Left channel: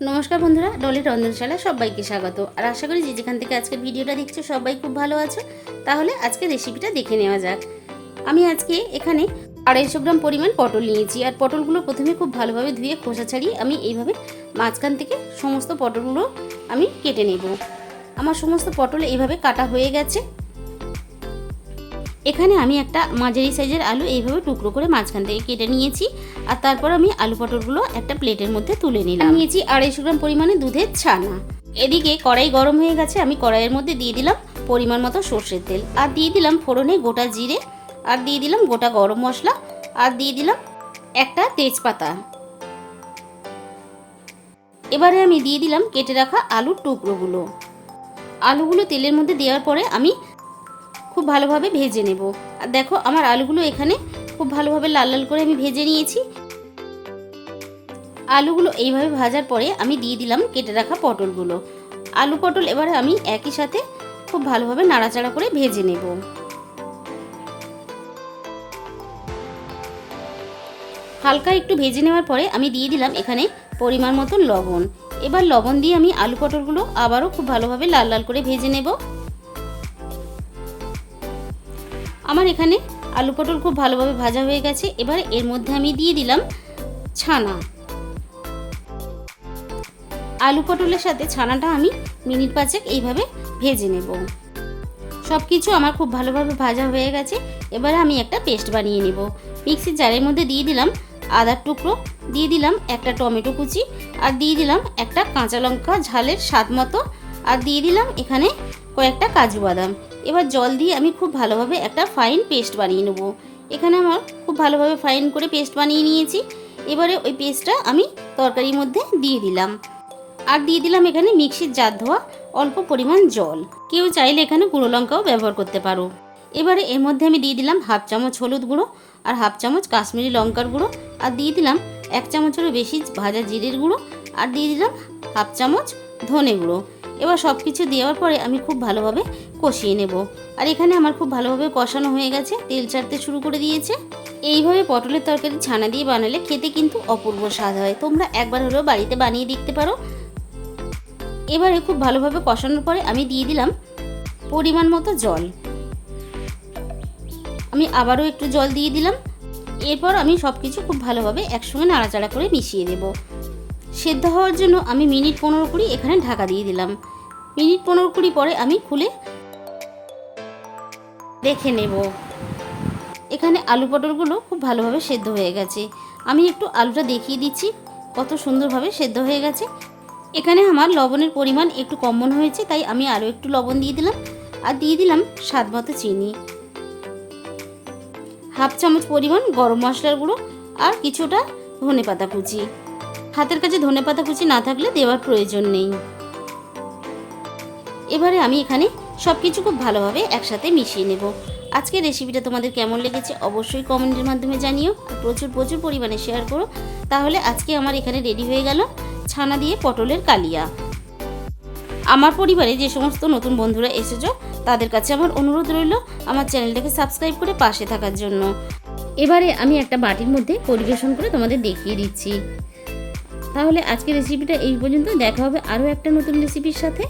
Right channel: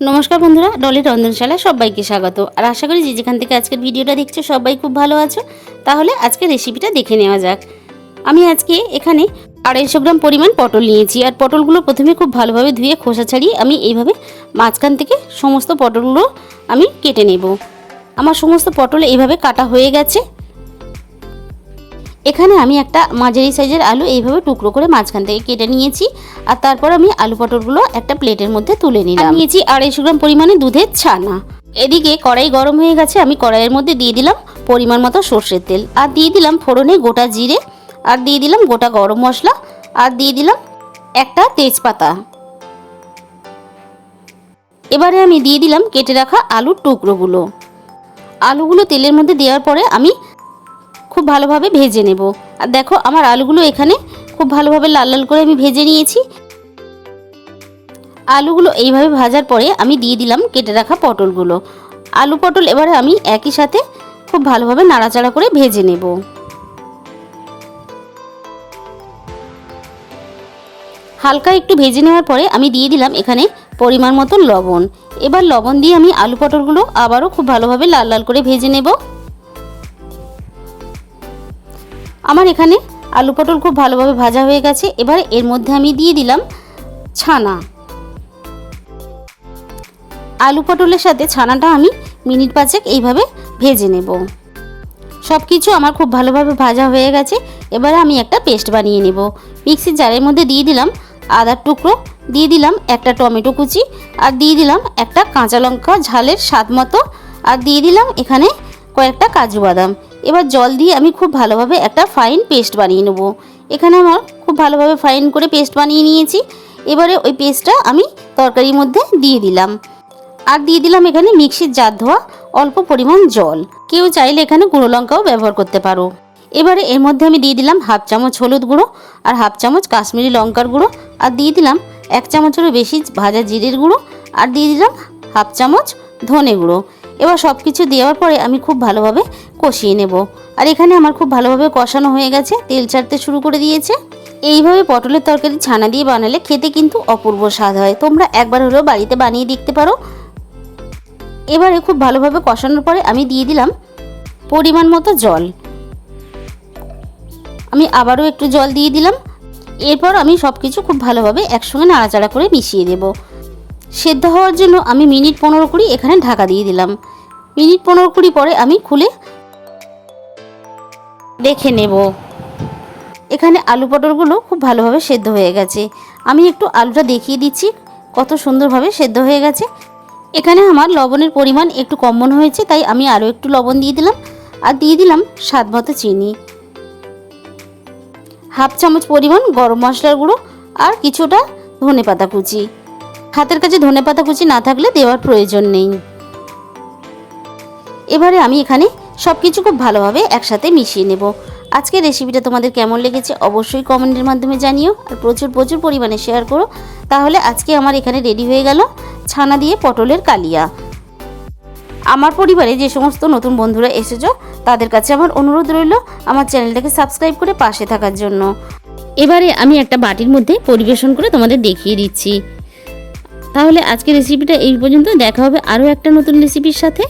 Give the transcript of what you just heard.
নমস্কার বন্ধুরা, ডলির রন্ধনশালায় সবাইকে স্বাগত। আর আশা করি যে যেখান থেকে আজকের ভিডিওটা দেখছো সবাই খুব ভালো আছো। তাহলে আজকের রেসিপিটা দেখে নেওয়া যাক। আমি আজকে এখানে 250 গ্রাম পরিমাণ পটল নিয়েছি। আর পটলগুলো প্রথমে খুব ভালোভাবে ধুয়ে খোসা ছাড়িয়ে আমি এইভাবে মাঝখান থেকে সমস্ত পটলগুলো আমি কেটে নেব। আমার সমস্ত পটল এইভাবে কাটা হয়ে গেছে। এখানে আমি একটা মাঝারি সাইজের আলু এইভাবে টুকরো করে মাঝখান থেকে কেটে নিয়েছি। আর তারপর আমি আলু পটলগুলো একটা প্লেটের মধ্যে তুলে নিলাম। নিয়েছি 250 গ্রাম পরিমাণে দুধের ছানা। এদিকে কড়াই গরম হয়ে গেছে। আমি কড়াইয়ের মধ্যে দিয়ে দিলাম পরিমাণ মতো সর্ষের তেল, আর দিয়ে দিলাম ফোড়নে গোটা জিরে, আর দিয়ে দিলাম গোটা গরম মশলা, আর দিয়ে দিলাম একটা তেজপাতা। এবারে আমি দিয়ে দিলাম কেটে রাখা আলুর টুকরোগুলো। আলুগুলো তেলের মধ্যে দেওয়ার পরে আমি খুব ভালোভাবে ভেজে নেব। আর দেখো আমার আলুগুলো এখানে খুব ভালোভাবে লাল লাল করে আমি ভেজে নিয়েছি। আলুগুলো এইভাবে ভাজার পরে আমি দিয়ে দিলাম কেটে রাখা পটলগুলো। আলু পটল এবারে আমি একই সাথে খুব ভালোভাবে নাড়াচাড়া করে ভেজে নেব। হালকা একটু ভেজে নেওয়ার পরে আমি দিয়ে দিলাম এখানে পরিমাণ মতো লবণ। এবার লবণ দিয়ে আমি আলু পটলগুলো আবারও খুব ভালোভাবে লাল লাল করে ভেজে নেব। আমার এখানে আলু পটল খুব ভালোভাবে ভাজা হয়ে গেছে। এবার এর মধ্যে আমি দিয়ে দিলাম ছানা। আলু পটলের সাথে ছানাটা আমি মিনিট 5 এইভাবে ভেজে নেব। সব কিছু আমার খুব ভালোভাবে ভাজা হয়ে গেছে। এবারে আমি একটা পেস্ট বানিয়ে নেব। মিক্সির জারের মধ্যে দিয়ে দিলাম আদার টুকরো, দিয়ে দিলাম একটা টমেটো কুচি, আর দিয়ে দিলাম একটা কাঁচা লঙ্কা ঝালের স্বাদ মতো, আর দিয়ে দিলাম এখানে কয়েকটা কাজু বাদাম। এবার জল দিয়ে আমি খুব ভালোভাবে একটা ফাইন পেস্ট বানিয়ে নেব। এখানে আমার খুব ভালোভাবে ফাইন করে পেস্ট বানিয়ে নিয়েছি। এবারে ওই পেস্টটা আমি তরকারির মধ্যে দিয়ে দিলাম, আর দিয়ে দিলাম এখানে মিক্সির জার ধোয়া অল্প পরিমাণ জল। কেউ চাইলে এখানে গুঁড়ো লঙ্কাও ব্যবহার করতে পারো। এবারে এর মধ্যে আমি দিয়ে দিলাম হাফ চামচ হলুদ গুঁড়ো, আর হাফ চামচ কাশ্মীরি লঙ্কার গুঁড়ো, আর দিয়ে দিলাম 1 চামচেরও বেশি ভাজা জিরের গুঁড়ো, আর দিয়ে দিলাম হাফ চামচ ধনে গুঁড়ো। এবার সব কিছু দেওয়ার পরে আমি খুব ভালোভাবে কষিয়ে নেব। আর এখানে আমার খুব ভালোভাবে কষানো হয়ে গেছে, তেল ছাড়তে শুরু করে দিয়েছে। এইভাবে পটলের তরকারি ছানা দিয়ে বানালে খেতে কিন্তু অপূর্ব স্বাদ হয়। তোমরা একবার হলেও বাড়িতে বানিয়ে দেখতে পারো। এবারে খুব ভালোভাবে কষানোর পরে আমি দিয়ে দিলাম পরিমাণ মতো জল। আমি আবারও একটু জল দিয়ে দিলাম। এরপর আমি সব কিছু খুব ভালোভাবে একসঙ্গে নাড়াচাড়া করে মিশিয়ে দেব। সেদ্ধ হওয়ার জন্য আমি মিনিট 15-20 এখানে ঢাকা দিয়ে দিলাম। মিনিট 15-20 পরে আমি খুলে দেখে নেব। এখানে আলু পটলগুলো খুব ভালোভাবে সেদ্ধ হয়ে গেছে। আমি একটু আলুটা দেখিয়ে দিচ্ছি কত সুন্দরভাবে সেদ্ধ হয়ে গেছে। এখানে আমার লবণের পরিমাণ একটু কম মনে হয়েছে, তাই আমি আরও একটু লবণ দিয়ে দিলাম, আর দিয়ে দিলাম স্বাদ মতো চিনি, হাফ চামচ পরিমাণ গরম মশলার গুঁড়ো, আর কিছুটা ধনেপাতা কুচি। হাতের কাছে ধনেপাতা কুচি না থাকলে দেওয়ার প্রয়োজন নেই। এবারে আমি এখানে সব কিছু খুব ভালোভাবে একসাথে মিশিয়ে নেব। আজকের রেসিপিটা তোমাদের কেমন লেগেছে অবশ্যই কমেন্টের মাধ্যমে জানিও, আর প্রচুর প্রচুর পরিমাণে শেয়ার করো। তাহলে আজকে আমার এখানে রেডি হয়ে গেল ছানা দিয়ে পটলের কালিয়া। আমার পরিবারে যে সমস্ত নতুন বন্ধুরা এসেছো তাদের কাছে আমার অনুরোধ রইল আমার চ্যানেলটাকে সাবস্ক্রাইব করে পাশে থাকার জন্য। এবারে আমি একটা বাটির মধ্যে পরিবেশন করে তোমাদের দেখিয়ে দিচ্ছি। তাহলে আজকের রেসিপিটা এই পর্যন্ত। দেখা হবে আরও একটা নতুন রেসিপির সাথে।